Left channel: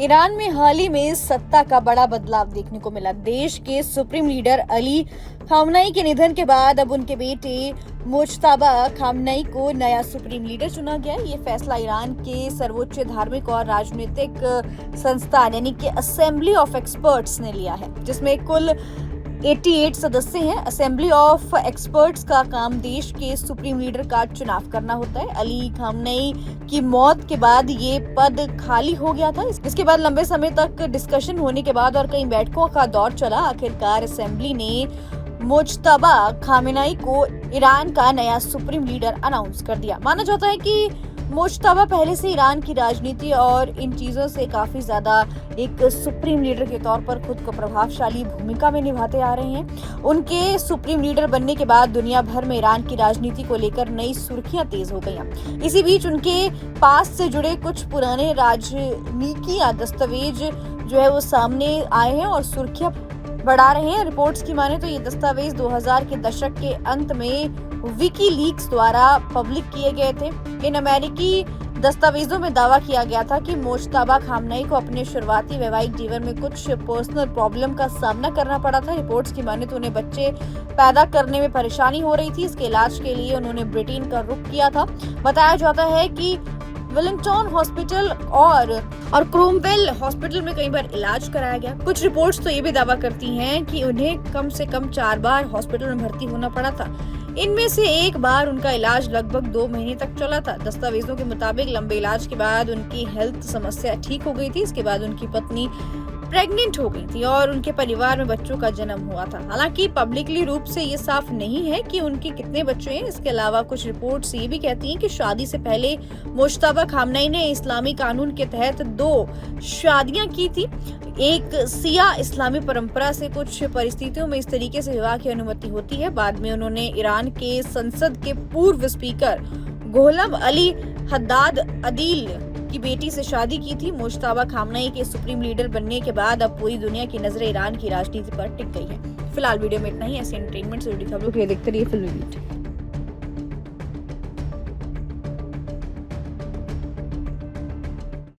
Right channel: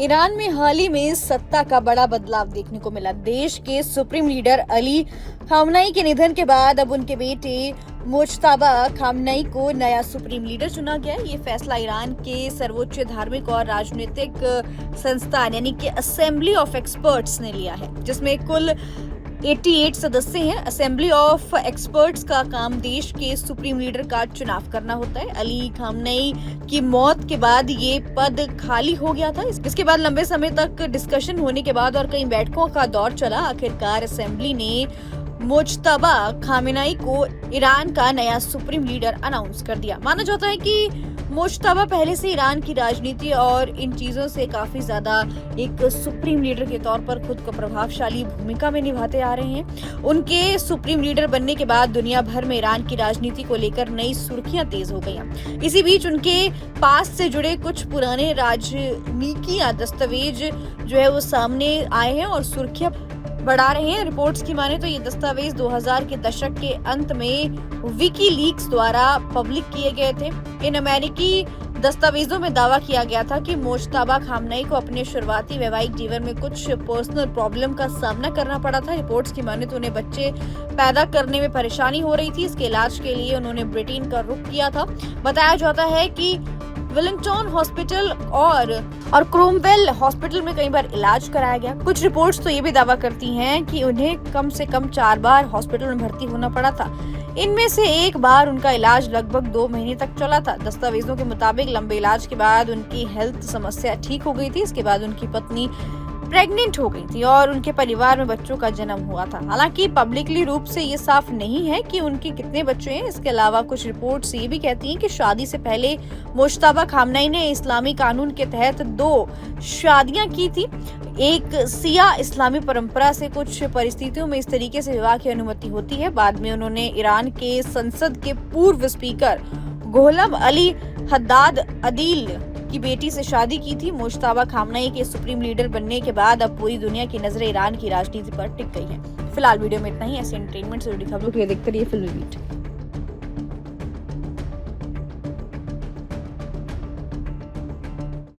Iran में हाल ही में सत्ता का बड़ा बदलाव देखने को मिला। देश के सुप्रीम लीडर अली खामनेई के निधन के बाद अब उनके बेटे मुज्तबा खामनेई को नया सुप्रीम लीडर चुना गया। ये फैसला ईरान के सर्वोच्च धार्मिक और राजनीतिक संस्थान यानी कि असेंबली ऑफ एक्सपर्ट्स ने लिया है, जिसमें कुल 88 सदस्य हैं। असेंबली ऑफ एक्सपर्ट्स का काम देश के सुप्रीम लीडर का चुनाव करना होता है। अली खामनेई की मौत के बाद ये पद खाली हो गया था। इसके बाद लंबे समय तक डिस्कशन होने के बाद और कई बैठकों का दौर चला, आखिरकार असेंबली ने मुज्तबा खामनेई को ईरान का नया सुप्रीम लीडर अनाउंस कर दिया। माना जाता है कि मुज्तबा पहले से ईरान की राजनीति और इन चीजों से काफी ज्यादा एक सुप्रीम लीडर के तौर पर खुद को प्रभावशाली भूमिका में निभाते आ रहे हैं। उनके सुप्रीम लीडर बनने के बाद दुनिया भर में ईरान की राजनीति को लेकर नई सुर्खियां तेज हो गई। इसी बीच उनके पास से जुड़े कुछ पुराने राजनीतिक दस्तावेज जो है वो सामने आए हैं और सुर्खियां बढ़ा रहे हैं। रिपोर्ट्स की माने तो ये दस्तावेज 2000 के दशक के अंत में विकीलीक्स द्वारा पब्लिक किए गए थे। इन अमेरिकी दस्तावेजों में दावा किया गया था कि मुज्तबा खामनेई को अपने शुरुआती वैवाहिक जीवन में कुछ पर्सनल प्रॉब्लम का सामना करना पड़ा था। रिपोर्ट्स की माने तो उन्हें बच्चे पैदा करने में परेशानी हो रही थी। इसके इलाज के लिए उन्होंने ब्रिटेन का रुख किया था। बताया जाता है कि वेलिंगटन हॉस्पिटल और क्रोमवेल हॉस्पिटल में कई बार इलाज कराया गया। कुछ रिपोर्ट्स तो ये भी दावा करती हैं कि उन्हें कम से कम 4 बार हॉस्पिटल में भर्ती होना पड़ा था। इनमें से एक बार उनका इलाज लगभग 2 महीने तक चला था। दस्तावेजों के मुताबिक लंबे इलाज के बाद उनकी हेल्थ समस्या ठीक हो गई थी। इसके बाद उनकी पत्नी प्रेग्नेंट हो गई थी और उनके परिवार में बच्चों का जन्म हुआ था। हालांकि पब्लिकली रूप से ये साफ नहीं है कि उनके कितने बच्चे हैं। इसके अलावा कुछ रिपोर्ट्स ये भी कहती हैं कि शादी से पहले मुज्तबा खामनेई ने इस्लामी कानून के तहत 2 शादियां की थी। एक सिया इस्लामी परंपरा से कुछ परिस्थितियों में इस तरीके से विवाह की अनुमति होती है। बाद में उन्होंने ईरान के संसद के पूर्व स्पीकर गोलाम अली हद्दाद अदील की बेटी से शादी की थी। मुज्तबा खामनेई के सुप्रीम लीडर बनने के बाद अब पूरी दुनिया की नजरें ईरान की राजनीति पर टिक गई है। फिलहाल वीडियो में इतना ही। ऐसे एंटरटेनमेंट से जुड़ी खबरों के लिए देखते रहिए फिल्मी बीट।